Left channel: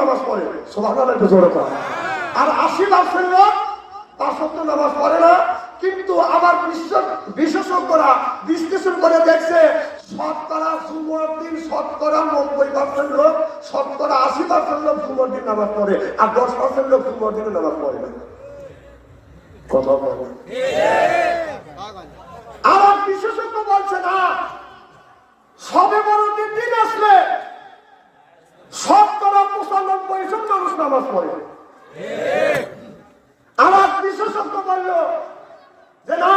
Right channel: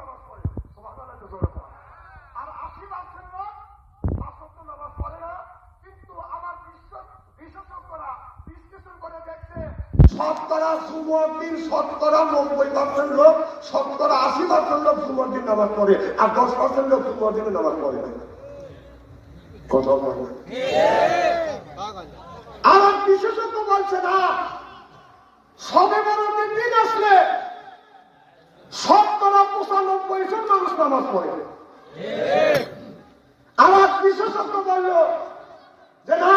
নামাজ পড়ে, সুবহানাল্লাহ একটু জোরে পড়ে। আর 80% লোক 5 ওয়াক্ত নামাজ পড়ে না। কিন্তু আবার বিশেষজ্ঞরা বিশ্লেষণ করে দেখছে শতকরা জুমার দিন শতকরা 90% লোক, শতকরা 80% লোক জুমার দিন নামাজ পড়ে, আর 10% লোক জুমার দিনে নামাজ পড়ে না। কথা বলে আমার বিশেষজ্ঞ বলছে না, সবে বড়দিন দিন আসলে শতকরা 95 জন মানুষ নামাজ পড়ে। আমার বিশেষজ্ঞ বলল যে না,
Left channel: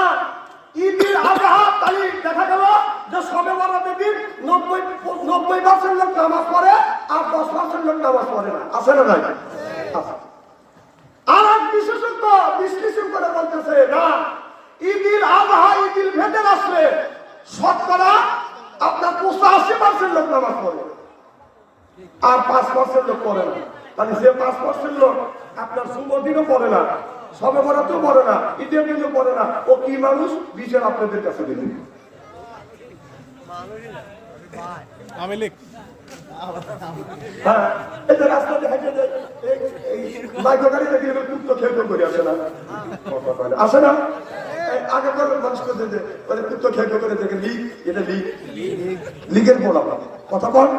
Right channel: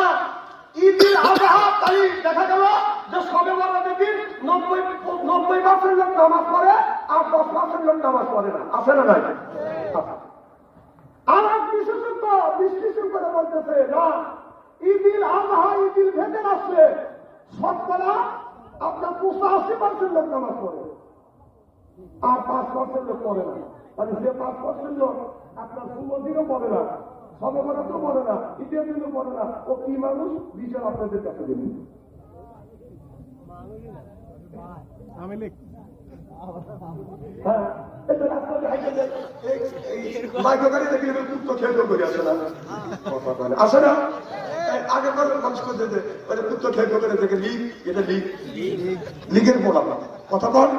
ঈদুল আজহা তারিখ দেখা গেল যে সবে বড়দিন দিন 90% লোক নামাজ পড়ে, আর 10% লোক নামাজ পড়ে না। আছে না নাই? আর বিশেষজ্ঞ বিশ্লেষণ করে বলতেছে না, ঈদুল আজহা ঈদুল ফিতর আসলে শতকরা আপনার 85% লোক নামাজ পড়ে, আর 5% লোক পড়ে না। মানে যে 5% লোক আপনার জুমার দিনও পড়ে না, সবে বরাতেও পড়ে না, ঈদের দিনও পড়ে না, ও কি মানুষ বিচার আপনাদের কাছে দিলেন। হ্যাঁ, এই যে রাস্তাতে হেঁটে যায়, মাইক্রো গাড়ি দেখে কুত্তো খেয়ে করে আসে না, আসে না? আগে মানুষ করে কুত্তো খেয়ে করে দেখে লিগ, এটা লিগের বলা কথা বল।